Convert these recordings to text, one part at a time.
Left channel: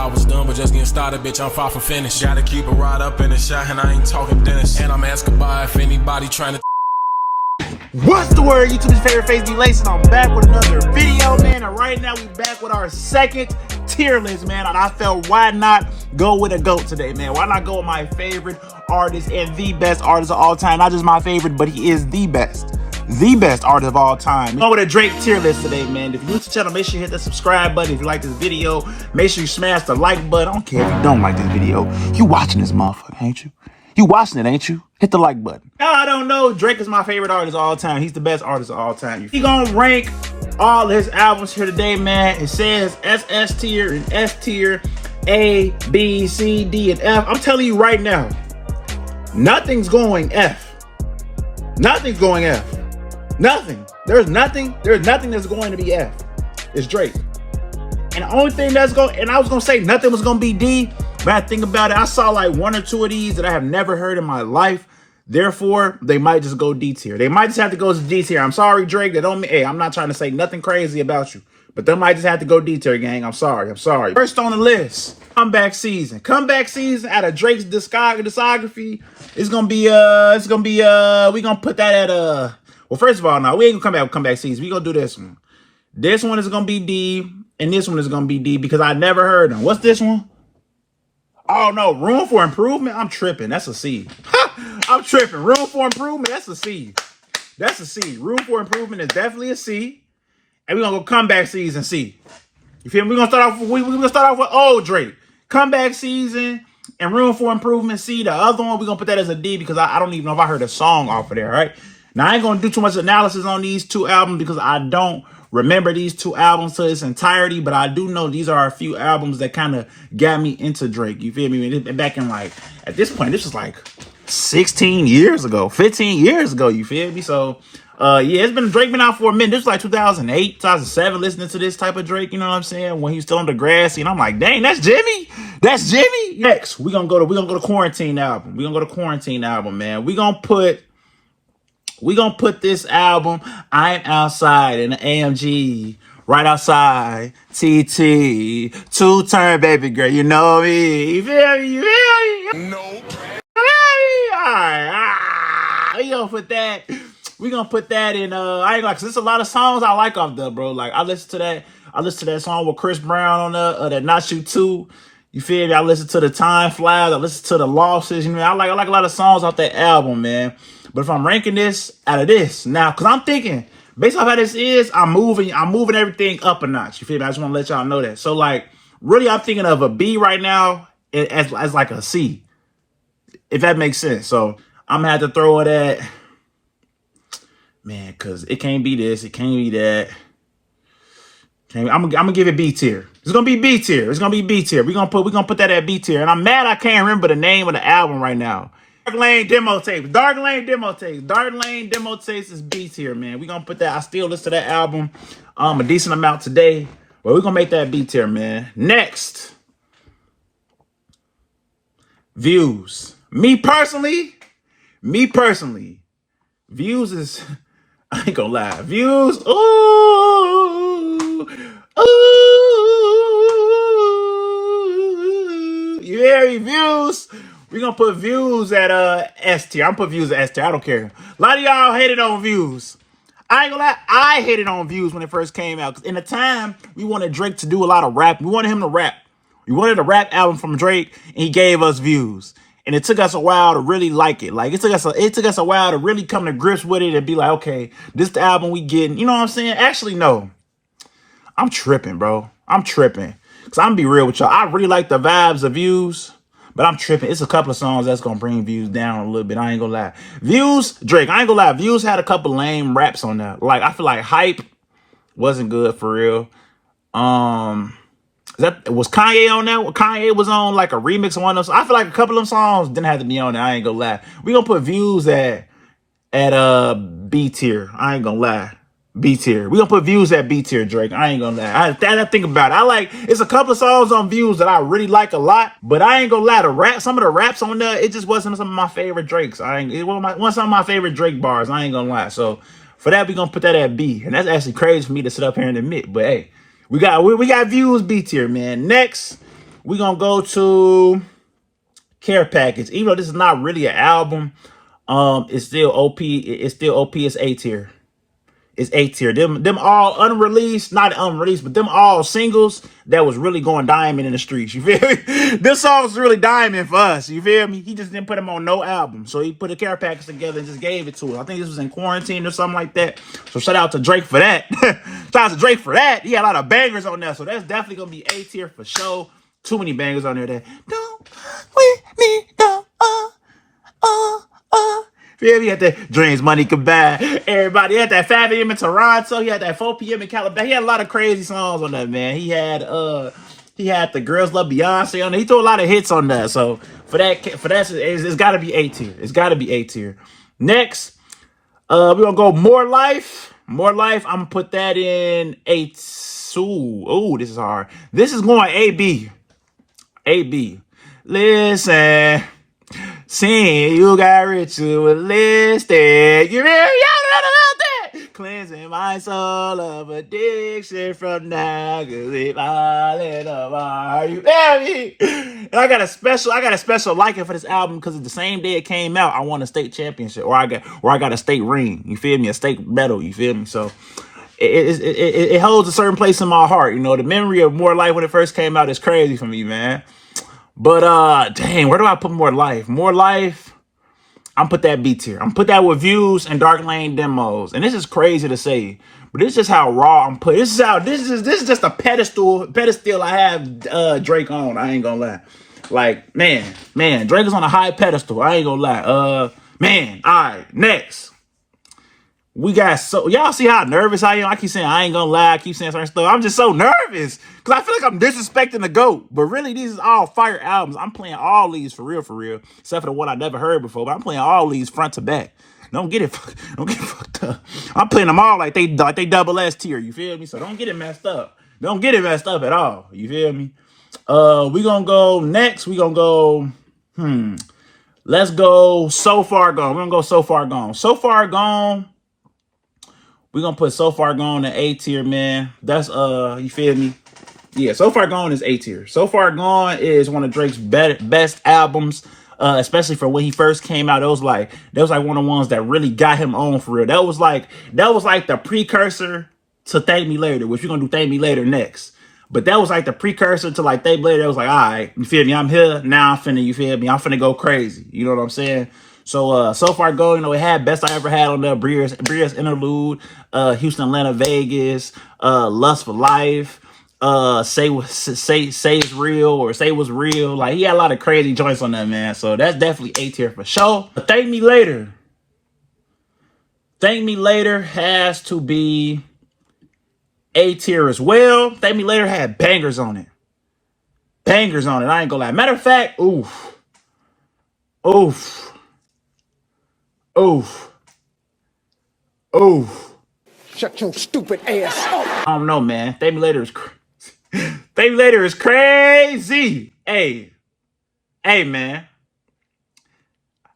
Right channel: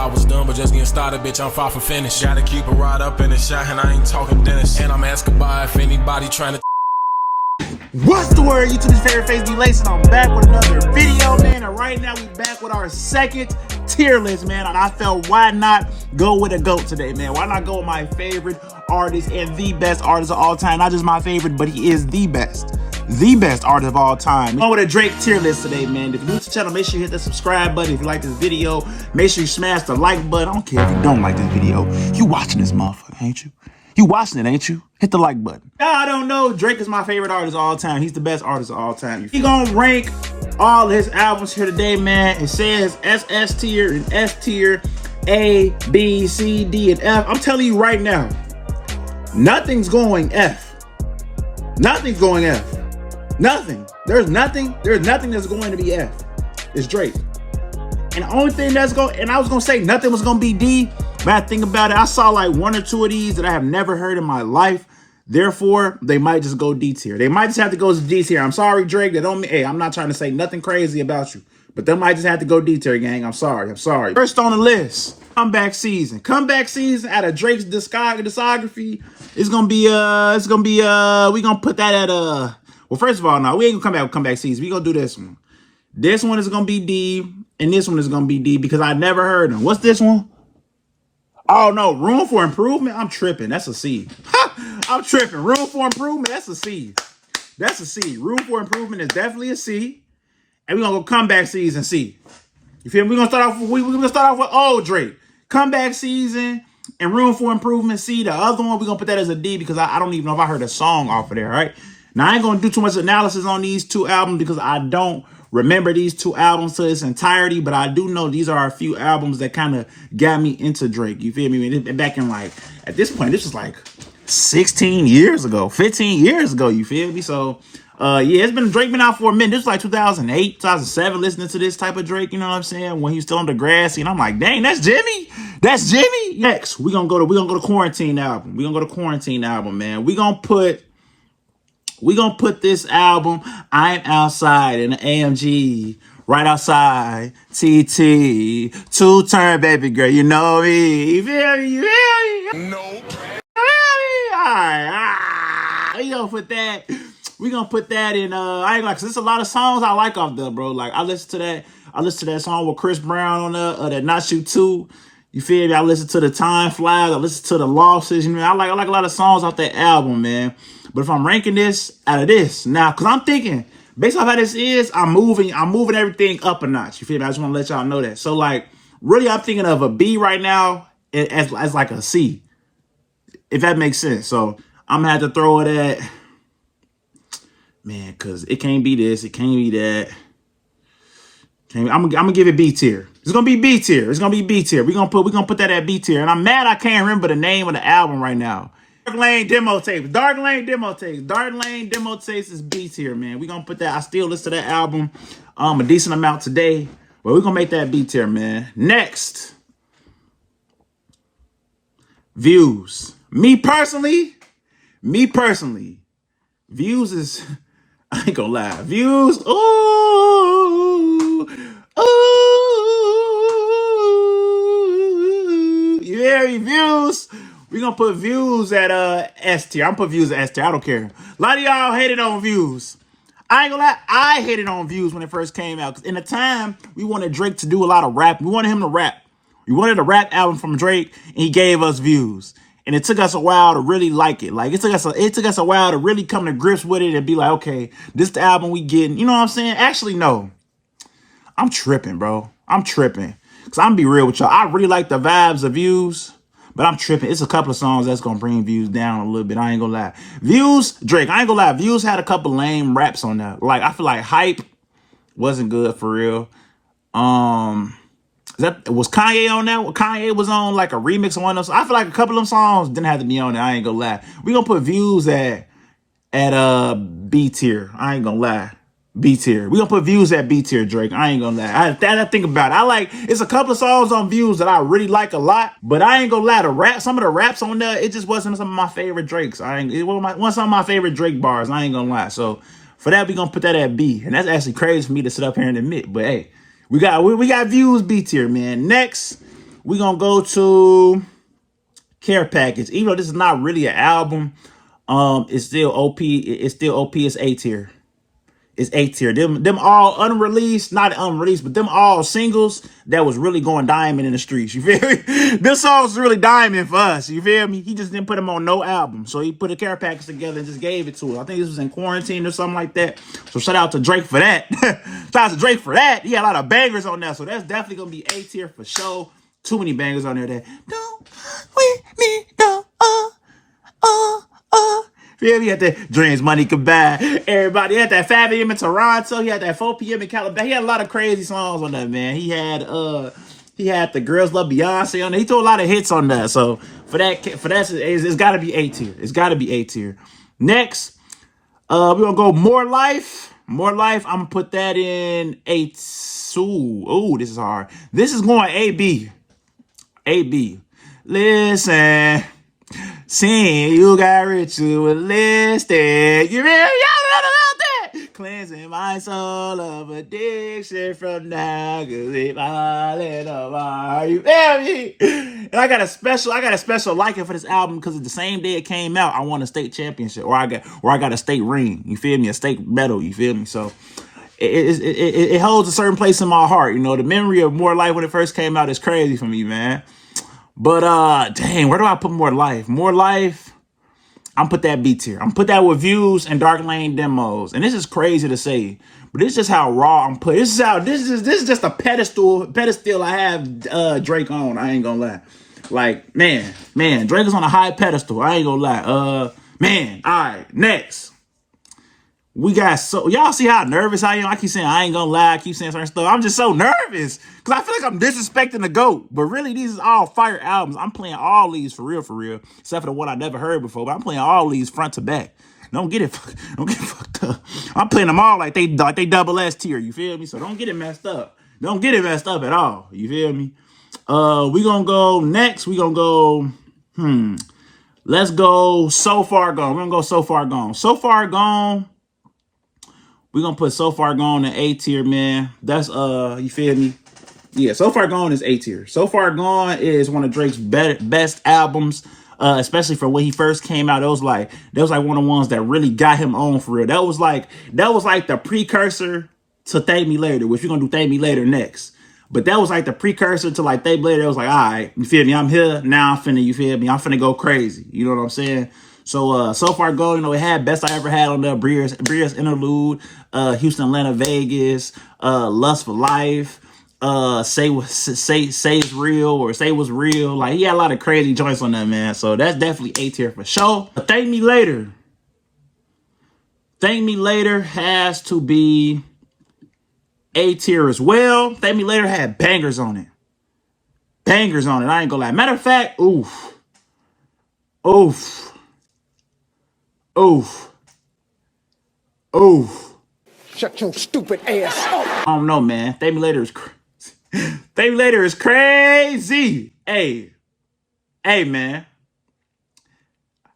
I was done, but just getting started, bitch, I'm far from finished. Gotta keep it right up in the shot, and I ain't talking Dennis. And I'm asking by if anybody trying to. What's the word? YouTube's favorite face, DLace, and I'm back with another video, man. And right now we back with our second tier list, man. And I felt, why not go with a GOAT today, man? Why not go with my favorite artist and the best artist of all time? Not just my favorite, but he is the best artist of all time. Going with a Drake tier list today, man. If you're new to the channel, make sure you hit the subscribe button. If you like this video, make sure you smash the like button. I don't care if you don't like this video. You watching this motherfucker, ain't you? You watching it, ain't you? Hit the like button. Now, I don't know. Drake is my favorite artist of all time. He's the best artist of all time. He gonna rank all his albums here today, man. It says SS tier and S tier, A, B, C, D, and F. I'm telling you right now, nothing's going F. Nothing's going F. Nothing. There's nothing that's going to be F. It's Drake. And the only thing that's going, and I was gonna say nothing was gonna be D, but I think about it, I saw like one or two of these that I have never heard in my life. Therefore, they might just go D tier. They might just have to go to D tier. I'm sorry, Drake. They don't mean, hey, I'm not trying to say nothing crazy about you, but they might just have to go D tier, gang. I'm sorry. First on the list, comeback season. Comeback season out of Drake's discography. It's gonna be we gonna put that at well, first of all, no, we ain't gonna come back with comeback season. We gonna do this one. This one is gonna be D, and this one is gonna be D because I never heard them. What's this one? Oh no, Room for Improvement. I'm tripping. That's a C. I'm tripping. Room for Improvement. That's a C. That's a C. Room for Improvement is definitely a C. And we're gonna go comeback season C. You feel me? We're gonna start off with old Drake. Comeback season and Room for Improvement C. The other one, we're gonna put that as a D because I don't even know if I heard a song off of there, right? Now I ain't gonna do too much analysis on these two albums because I don't remember these two albums to its entirety, but I do know these are a few albums that kind of got me into Drake. You feel me? Back in like, at this point, this was like 16 years ago, 15 years ago, you feel me? So, yeah, it's been, Drake been out for a minute. This was like 2008, 2007, listening to this type of Drake, you know what I'm saying? When he was still on the grassy, and I'm like, dang, that's Jimmy? That's Jimmy? Next, we're gonna go to Quarantine album. We're gonna go to Quarantine album, man. We're gonna put this album, I'm Outside in the AMG, right outside, TT, two-turn baby girl, you know me, you feel me, you feel me? No. Alright, we gonna put that in, I ain't like, cause there's a lot of songs I like off there, bro. Like, I listen to that song with Chris Brown on that Not You Too. You feel me? I listen to the Time Flies. I listen to the Losses. You know, I like a lot of songs off that album, man. But if I'm ranking this out of this now, because I'm thinking, based off how this is, I'm moving everything up a notch. You feel me? I just want to let y'all know that. So, like, really, I'm thinking of a B right now as like a C, if that makes sense. So, I'm going to have to throw it at, man, because it can't be this. It can't be that. I'm gonna give it B tier. It's gonna be B tier. It's gonna be B tier. We're gonna put that at B tier. And I'm mad I can't remember the name of the album right now. Dark Lane Demo Tapes. Dark Lane Demo Tapes is B tier, man. We're gonna put that. I still listen to that album a decent amount today. But we're gonna make that B tier, man. Next. Views. Me personally, Views is, I ain't gonna lie. Views, ooh, you hear me? Views. We're gonna put Views at S tier. I'm gonna put Views at S tier. I don't care. A lot of y'all hated on Views. I ain't gonna lie. I hated on Views when it first came out. Because in the time, we wanted Drake to do a lot of rap. We wanted him to rap. We wanted a rap album from Drake, and he gave us Views. And it took us a while to really like it. Like, it took us a while to really come to grips with it and be like, okay, this is the album we getting. You know what I'm saying? Actually, no. I'm tripping, bro. I'm tripping. Because I'm gonna be real with y'all. I really like the vibes of Views, but I'm tripping. It's a couple of songs that's gonna bring Views down a little bit. I ain't gonna lie. Views, Drake, I ain't gonna lie. Views had a couple lame raps on there. Like, I feel like Hype wasn't good for real. Was Kanye on that? Kanye was on like a remix of one of those. I feel like a couple of them songs didn't have to be on there. I ain't gonna lie. We gonna put Views at B tier. I ain't gonna lie. B tier. We gonna put Views at B tier, Drake. I ain't gonna lie. I think about it. It's a couple of songs on Views that I really like a lot, but I ain't gonna lie. Some of the raps on there, it just wasn't some of my favorite Drakes. It wasn't some of my favorite Drake bars. I ain't gonna lie. So for that, we gonna put that at B, and that's actually crazy for me to sit up here and admit. But hey. We got Views B tier, man. Next, We're gonna go to Care Package. Even though this is not really an album, it's still OP. It's still OP. It's A tier. It's A tier. Them all unreleased, not unreleased, but them all singles that was really going diamond in the streets. You feel me? This song was really diamond for us. You feel me? He just didn't put them on no album. So he put a Care Package together and just gave it to us. I think this was in quarantine or something like that. So shout out to Drake for that. Shout out to Drake for that. He had a lot of bangers on that. So that's definitely going to be A tier for sure. Too many bangers on there that don't we need no Yeah, he had that Dreams Money Could Buy. Everybody had that 5 a.m. in Toronto. He had that 4 p.m. in California. He had a lot of crazy songs on that, man. He had the Girls Love Beyonce on there. He threw a lot of hits on that. So for that, it's got to be A tier. It's got to be A tier. Next, we're gonna go More Life. More Life. I'm gonna put that in A2. Oh, this is hard. This is going AB. AB. Listen. Seeing you got ritualistic. You really y'all know about that? Cleansing my soul of addiction from now. Cause it's falling apart. You feel me? And I got a special liking for this album because it's the same day it came out. I won a state championship, or I got a state ring. You feel me? A state medal. You feel me? So it holds a certain place in my heart. You know, the memory of More Life when it first came out is crazy for me, man. But, dang, where do I put More Life? More Life, I'm put that B tier. I'm put that with Views and Dark Lane demos. And this is crazy to say, but this is just how raw I'm put. This is just a pedestal I have Drake on. I ain't gonna lie. Like, man, Drake is on a high pedestal. I ain't gonna lie. Man, all right, next. We got y'all see how nervous I am? I keep saying I ain't gonna lie. I keep saying certain stuff. I'm just so nervous because I feel like I'm disrespecting the GOAT. But really, these is all fire albums. I'm playing all these for real, except for the one I never heard before. But I'm playing all these front to back. Don't get it fucked up. I'm playing them all like they double S tier. You feel me? So don't get it messed up. Don't get it messed up at all. You feel me? We gonna go next. We gonna go. Let's go So Far Gone. We're gonna go So Far Gone. So Far Gone. We're going to put So Far Gone in A tier, man. That's, you feel me? Yeah, So Far Gone is A tier. So Far Gone is one of Drake's best albums, especially for when he first came out. That was like one of the ones that really got him on for real. That was like the precursor to Thank Me Later, which we're going to do Thank Me Later next. But that was like the precursor to like Thank Me Later. It was like, all right, you feel me? I'm here. Now I'm finna, you feel me? I'm finna go crazy. You know what I'm saying? So Far Gone, you know, it had Best I Ever Had on there, Breer's Interlude, Houston, Atlanta, Vegas, Lust for Life, Say It's Real or Say Was Real. Like, he had a lot of crazy joints on that, man. So that's definitely A tier for sure. Thank Me Later. Thank Me Later has to be A tier as well. Thank Me Later had bangers on it. Bangers on it, I ain't gonna lie. Matter of fact, oof. Shut your stupid ass up. I don't know, man. Thank Me Later is Thank Me Later is crazy. Hey, man.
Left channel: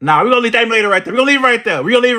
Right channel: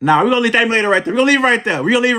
Nah, we're gonna leave Thank Me Later right there. We're gonna leave it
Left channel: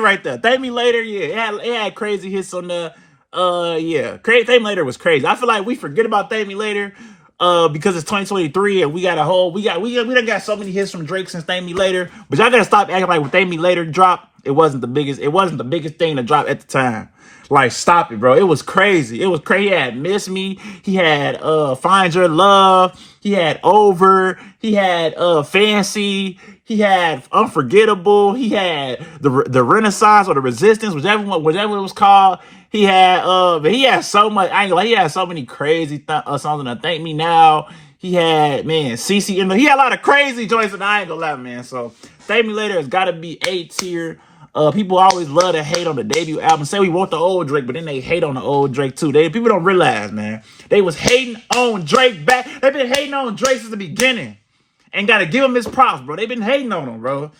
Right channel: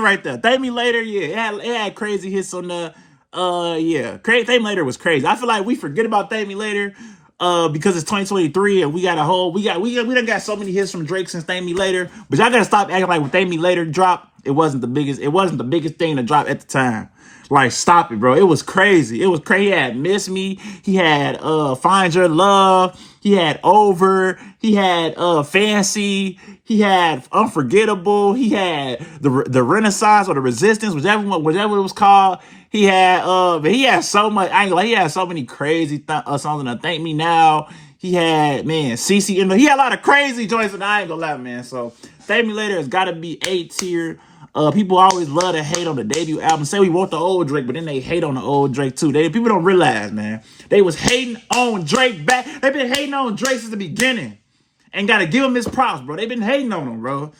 right there. Thank Me Later, yeah. It had crazy hits on the yeah. Thank Me Later was crazy. I feel like we forget about Thank Me Later because it's 2023 and we done got so many hits from Drake since Thank Me Later. But y'all gotta stop acting like when Thank Me Later dropped, it wasn't the biggest thing to drop at the time. Like, stop it, bro. It was crazy. He had Miss Me. He had Find Your Love. He had Over. He had Fancy. He had Unforgettable. He had the Renaissance or the Resistance, whichever it was called. He had so much. I ain't gonna lie, he had so many crazy songs on the Thank Me Now. He had, man, CC in there. He had a lot of crazy joints, and I ain't gonna lie, man. So Thank Me Later has got to be A tier. People always love to hate on the debut album. Say we want the old Drake, but then they hate on the old Drake too. People don't realize, man. They was hating on Drake back. They've been hating on Drake since the beginning. And gotta give him his props, bro. They've been hating on him, bro.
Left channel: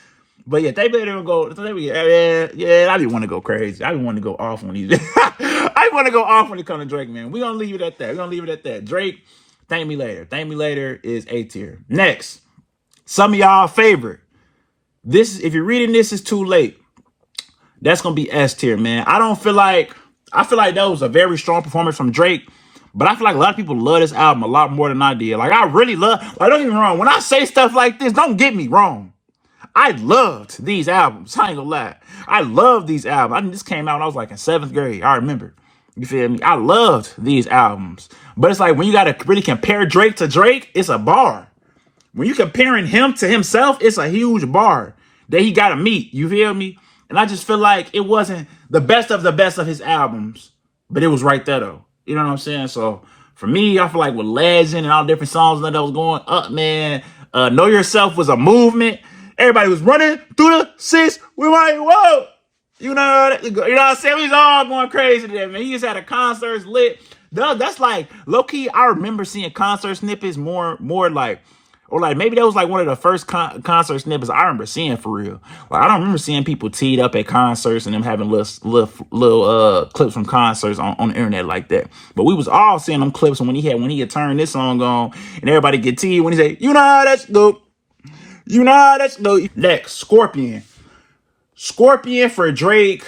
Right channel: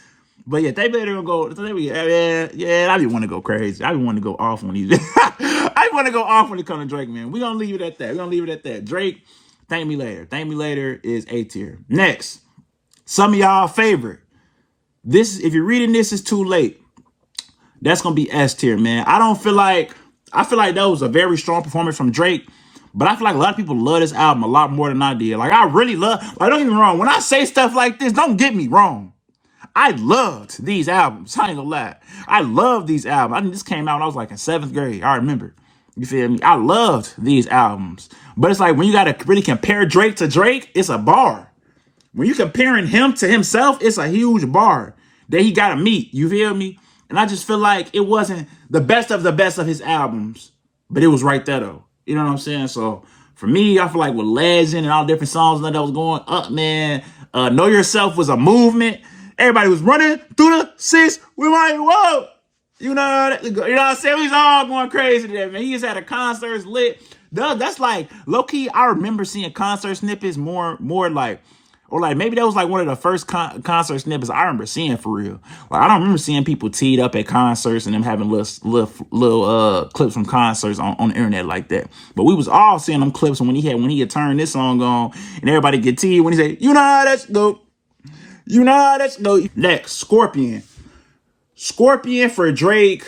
But yeah, they better go. Yeah, I be want to go crazy. I be want to go off when these. I want to go off when it comes to Drake, man. We're gonna leave it at that. Drake, Thank Me Later. Thank Me Later is A tier. Next, some of y'all favorite. If you're reading this, it's too late. That's gonna be S tier, man. I feel like that was a very strong performance from Drake, But I feel like a lot of people love this album a lot more than I did. Like, I really love, like, don't get me wrong. When I say stuff like this, don't get me wrong. I loved these albums. I ain't gonna lie. I loved these albums. I think this came out when I was like in 7th grade. I remember. You feel me? I loved these albums. But it's like when you gotta really compare Drake to Drake, it's a bar. When you comparing him to himself, it's a huge bar that he gotta meet. You feel me? And I just feel like it wasn't the best of his albums, but it was right there though. You know what I'm saying? So for me, I feel like with Legend and all different songs that was going up, man, Know Yourself was a movement. Everybody was running through the 6 with my whoa. You know what I'm saying? We was all going crazy there, man. He just had a concerts lit. That's like low-key, I remember seeing concert snippets more like, or like maybe that was like one of the first concert snippets I remember seeing for real. Like I don't remember seeing people teed up at concerts and them having little clips from concerts on the internet like that. But we was all seeing them clips when he had turned this song on and everybody get teed when he say, you know how that's go. You know how that's go. Next, Scorpion. Scorpion for Drake.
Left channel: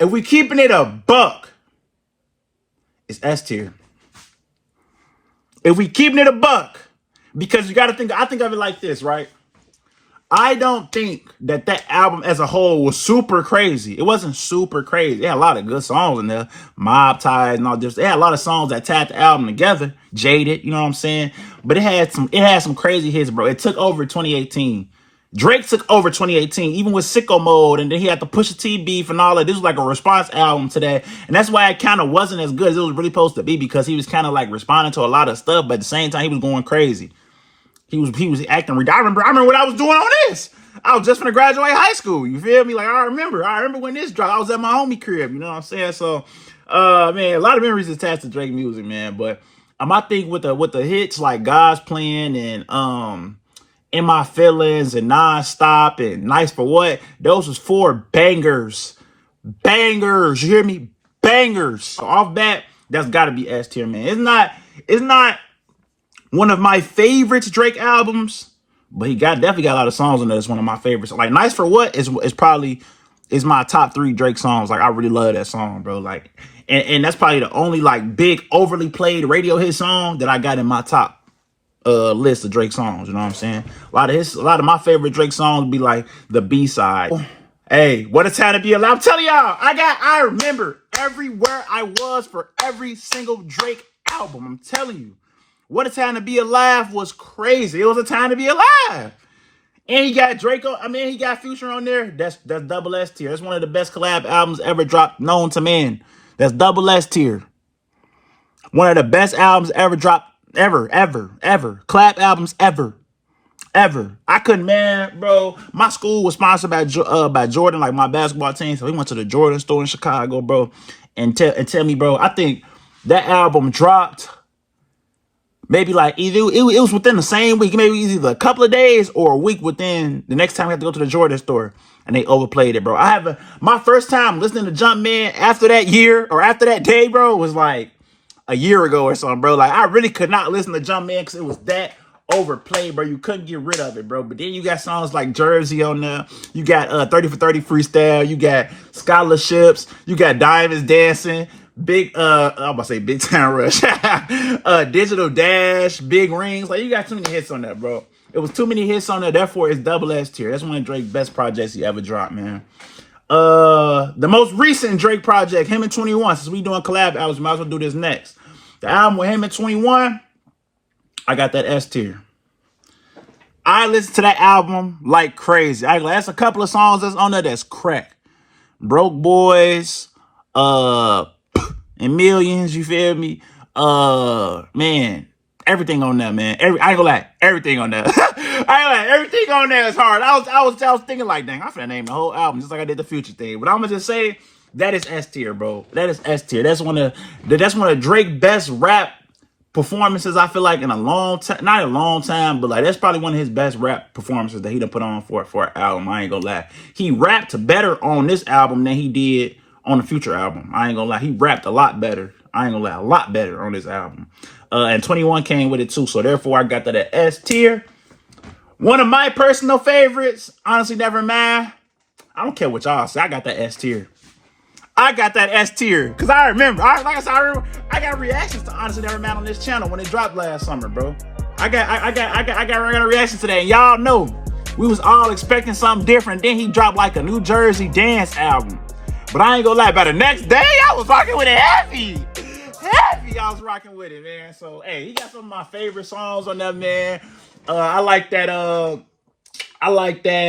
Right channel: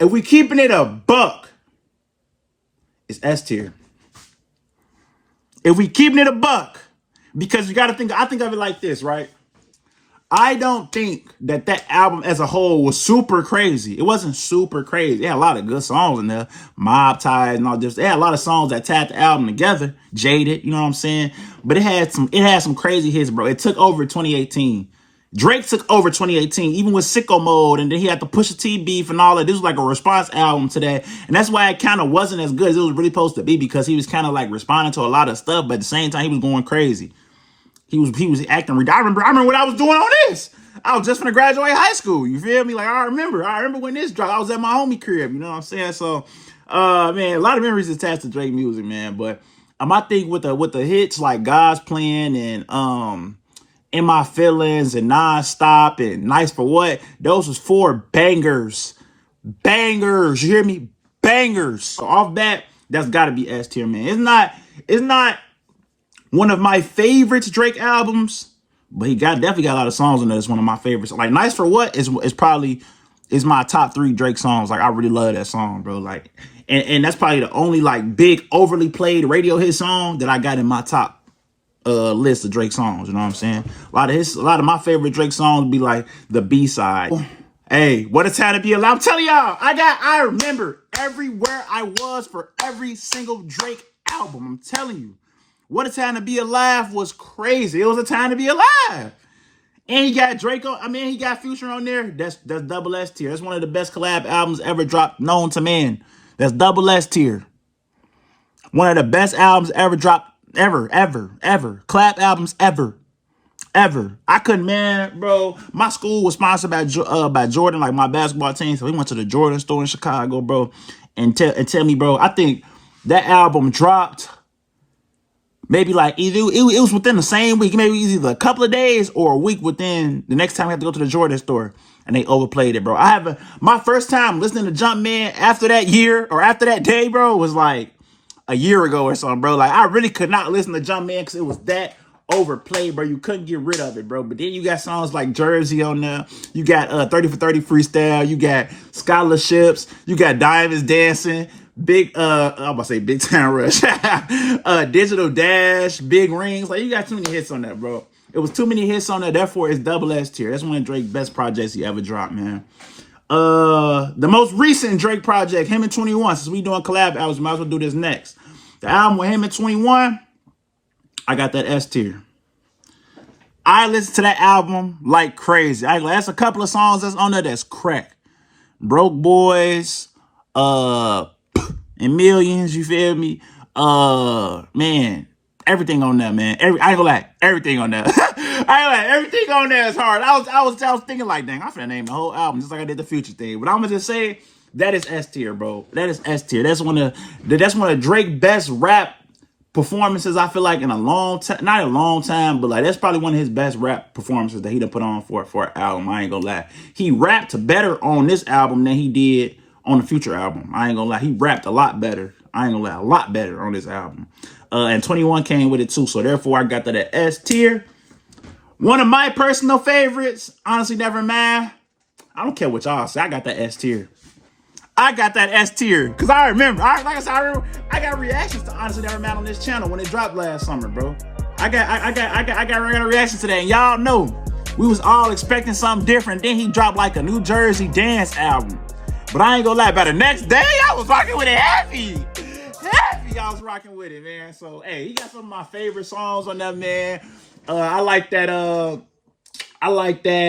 If we keeping it a buck, it's S tier. If we keeping it a buck, because you got to think, I think of it like this, right? I don't think that album as a whole was super crazy. It wasn't super crazy. It had a lot of good songs in there. Mob Ties and all this. It had a lot of songs that tied the album together. Jaded, you know what I'm saying? But it had some crazy hits, bro. It took over 2018. Drake took over 2018, even with Sicko Mode, and then he had to push a T beef and all that. This was like a response album to that. And that's why it kind of wasn't as good as it was really supposed to be, because he was kind of like responding to a lot of stuff, but at the same time, he was going crazy. He was acting. I remember what I was doing on this. I was just gonna graduate high school. You feel me? Like I remember when this dropped. I was at my homie crib. You know what I'm saying? So, man, a lot of memories attached to Drake music, man. But I think with the hits like God's Plan and In My Feelings and Nonstop and Nice for What, those was 4 bangers. Bangers. You hear me? Bangers. So off bat, that's got to be S tier, man. It's not one of my favorites Drake albums, but he definitely got a lot of songs in there. It's one of my favorites. Like Nice for What is probably my top 3 Drake songs. Like I really love that song, bro. Like, and that's probably the only like big overly played radio hit song that I got in my top list of Drake songs. You know what I'm saying? A lot of my favorite Drake songs be like the B-side. Hey, What a Time to Be Alive. I'm telling y'all, I remember everywhere I was for every single Drake album. I'm telling you. What a Time to Be Alive was crazy. It was a time to be alive. And he got Drake on, he got Future on there. That's double S tier. That's one of the best collab albums ever dropped, known to man. That's double S tier. One of the best albums ever dropped, ever. Collab albums ever. I couldn't, man, bro. My school was sponsored by Jordan, like my basketball team. So we went to the Jordan store in Chicago, bro. And tell me, bro, I think that album dropped maybe like either it was within the same week, maybe either a couple of days or a week within the next time I had to go to the Jordan store, and they overplayed it, bro. My first time listening to Jumpman after that year or after that day, bro, was like a year ago or something, bro. Like I really could not listen to Jumpman because it was that overplayed, bro. You couldn't get rid of it, bro. But then you got songs like Jersey on there. You got 30 for 30 Freestyle. You got Scholarships. You got Diamonds Dancing. I'm about to say Big Time Rush. Digital Dash, Big Rings. Like, you got too many hits on that, bro. It was too many hits on there, therefore it's double S tier. That's one of Drake's best projects he ever dropped, man. The most recent Drake project, him and 21. Since we doing collab albums, we might as well do this next. The album with him and 21, I got that S tier. I listened to that album like crazy. That's a couple of songs that's on there that's crack. Broke Boys, and Millions, you feel me? Man, everything on that, man. I ain't gonna lie, everything on that. Everything on that is hard. I was thinking like, dang, I'm finna name the whole album just like I did the Future thing. But I'm gonna just say that is S tier, bro. That is S tier. That's one of Drake's best rap performances, I feel like, in a long time. Not a long time, but like that's probably one of his best rap performances that he done put on for an album. I ain't gonna lie. He rapped better on this album than he did on the Future album. I ain't gonna lie. He rapped a lot better. I ain't gonna lie. A lot better on this album. And 21 came with it too. So therefore, I got that at S tier. One of my personal favorites, Honestly Never Mind. I don't care what y'all say. I got that S tier. I got that S tier. Cause I remember, like I said, I got reactions to Honestly Never Mad on this channel when it dropped last summer, bro. I got a reaction to that. And y'all know, we was all expecting something different. Then he dropped like a New Jersey dance album. But I ain't gonna lie, by the next day, I was rocking with it heavy. I was rocking with it, man. So, hey, he got some of my favorite songs on that, man. I like that,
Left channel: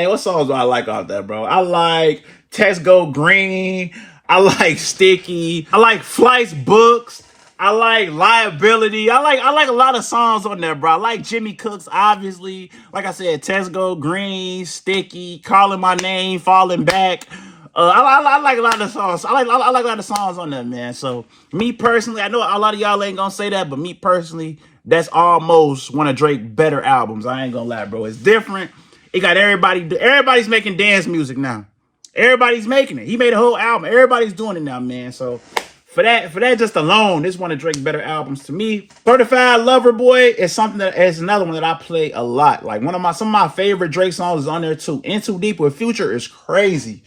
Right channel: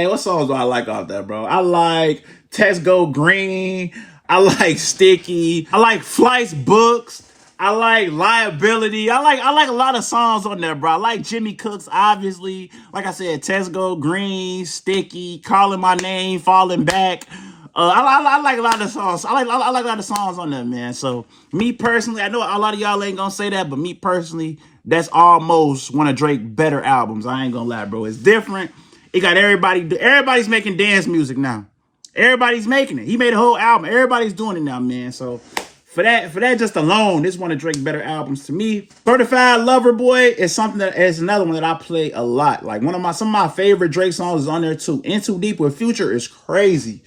what songs do I like off that, bro? I like Test Go Green. I like Sticky. I like Flight's Books. I like Liability. I like a lot of songs on there, bro. I like Jimmy Cooks, obviously. Like I said, Test Go Green, Sticky, Calling My Name, Falling Back. I like a lot of songs. I like a lot of songs on there, man. So me personally, I know a lot of y'all ain't gonna say that, but me personally, that's almost one of Drake's better albums. I ain't gonna lie, bro. It's different. It got everybody's making dance music now. Everybody's making it. He made a whole album. Everybody's doing it now, man. So for that just alone, this is one of Drake's better albums to me. Certified Lover Boy is another one that I play a lot. Like some of my favorite Drake songs is on there too. In Too Deep with Future is crazy.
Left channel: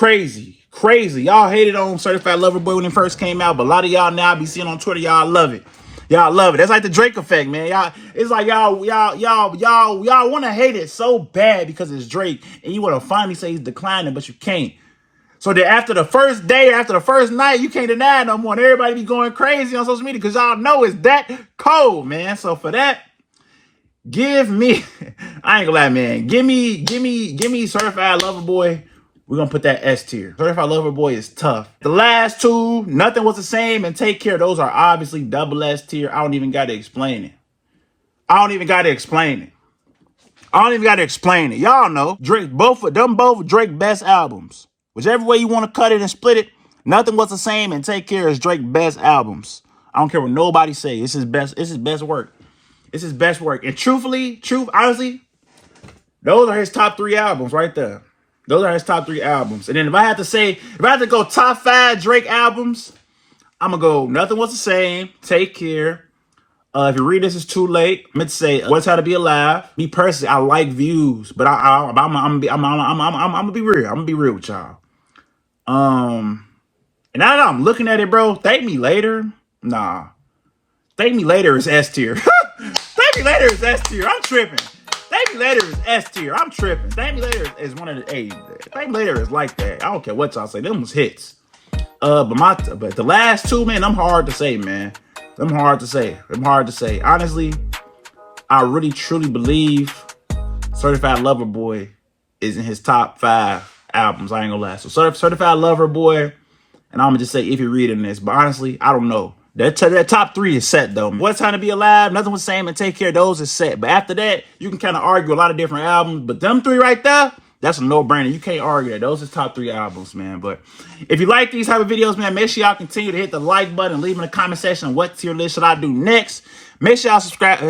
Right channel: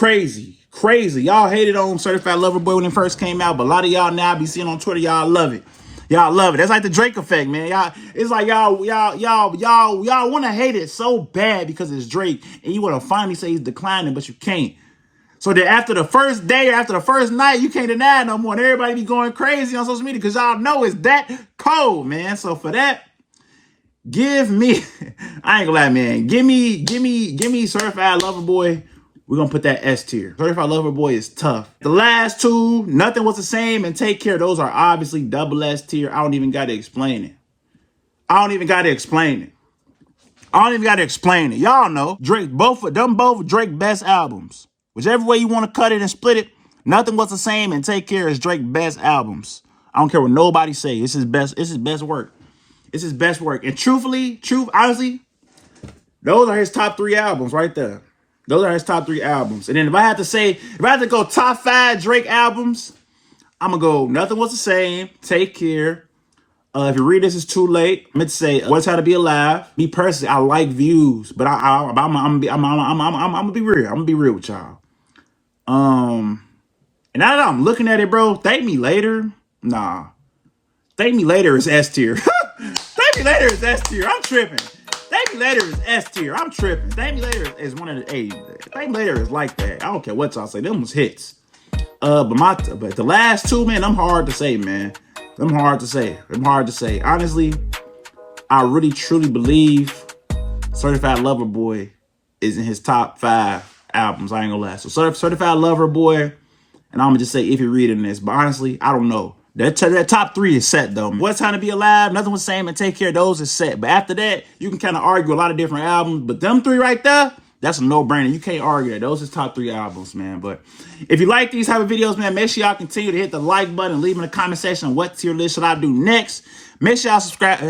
Y'all hated on Certified Lover Boy when it first came out, but a lot of y'all now I be seeing on Twitter, y'all love it. Y'all love it. That's like the Drake effect, man. It's like y'all want to hate it so bad because it's Drake, and you want to finally say he's declining, but you can't. So that after the first day, after the first night, you can't deny it no more, and everybody be going crazy on social media because y'all know it's that cold, man. So for that, give me, I ain't gonna lie, man. Give me Certified Lover Boy. We're going to put that S tier. Certified Lover Boy is tough. The last two, Nothing Was the Same and Take Care, those are obviously double S tier. I don't even got to explain it. Y'all know, Drake, both Drake's best albums. Whichever way you want to cut it and split it, Nothing Was the Same and Take Care is Drake's best albums. I don't care what nobody say. It's his best work. It's his best work. And honestly, those are his top 3 albums right there. Those are his top 3 albums. And then if I had to go top 5 Drake albums, I'm going to go Nothing Was the Same, Take Care. If you read this, it's too late. I'm going to say What's How to Be Alive. Me personally, I like Views, but I'm going to be real. I'm going to be real with y'all. And now that I'm looking at it, bro, Thank Me Later. Nah. Thank Me Later is S tier. Thank Me Later is S tier. I'm tripping. Thank Me Later is S tier. I'm tripping. Thank Me Later is one of the Thank Me Later is like that. I don't care what y'all say. Them was hits. But the last two, man, them hard to say, man. Them hard to say. Honestly, I really truly believe Certified Lover Boy is in his top 5 albums. I ain't gonna lie. So Certified Lover Boy, and I'm gonna just say if you're reading this, but honestly, I don't know. That top 3 is set though. What's Time to Be Alive, Nothing Was the Same, and Take Care, those is set. But after that, you can kind of argue a lot of different albums. But them 3 right there, that's a no-brainer. You can't argue that. Those is top 3 albums, man. But if you like these type of videos, man, make sure y'all continue to hit the like button and leave in the comment section what tier list should I do next. Make sure y'all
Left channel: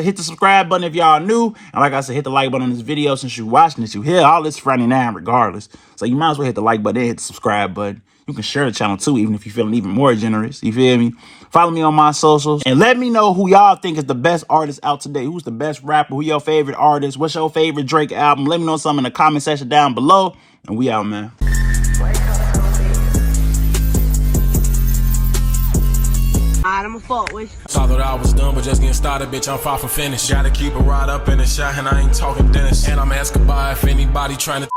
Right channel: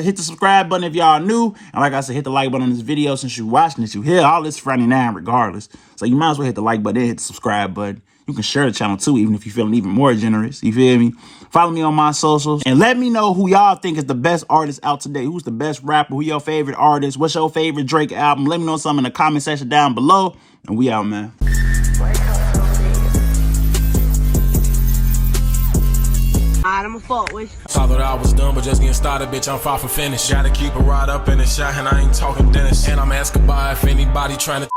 hit the subscribe button if y'all new. And like I said, hit the like button on this video since you're watching this. You hear all this Friday night regardless. So you might as well hit the like button and hit the subscribe button. You can share the channel too, even if you're feeling even more generous. You feel me? Follow me on my socials and let me know who y'all think is the best artist out today. Who's the best rapper? Who your favorite artist? What's your favorite Drake album? Let me know something in the comment section down below. And we out, man. I'ma fuck with you. Saw that I was done, but just getting started, bitch. I'm far from finished. Gotta keep it right up in the shot, and I ain't talking Dennis. And I'm asking by if anybody trying to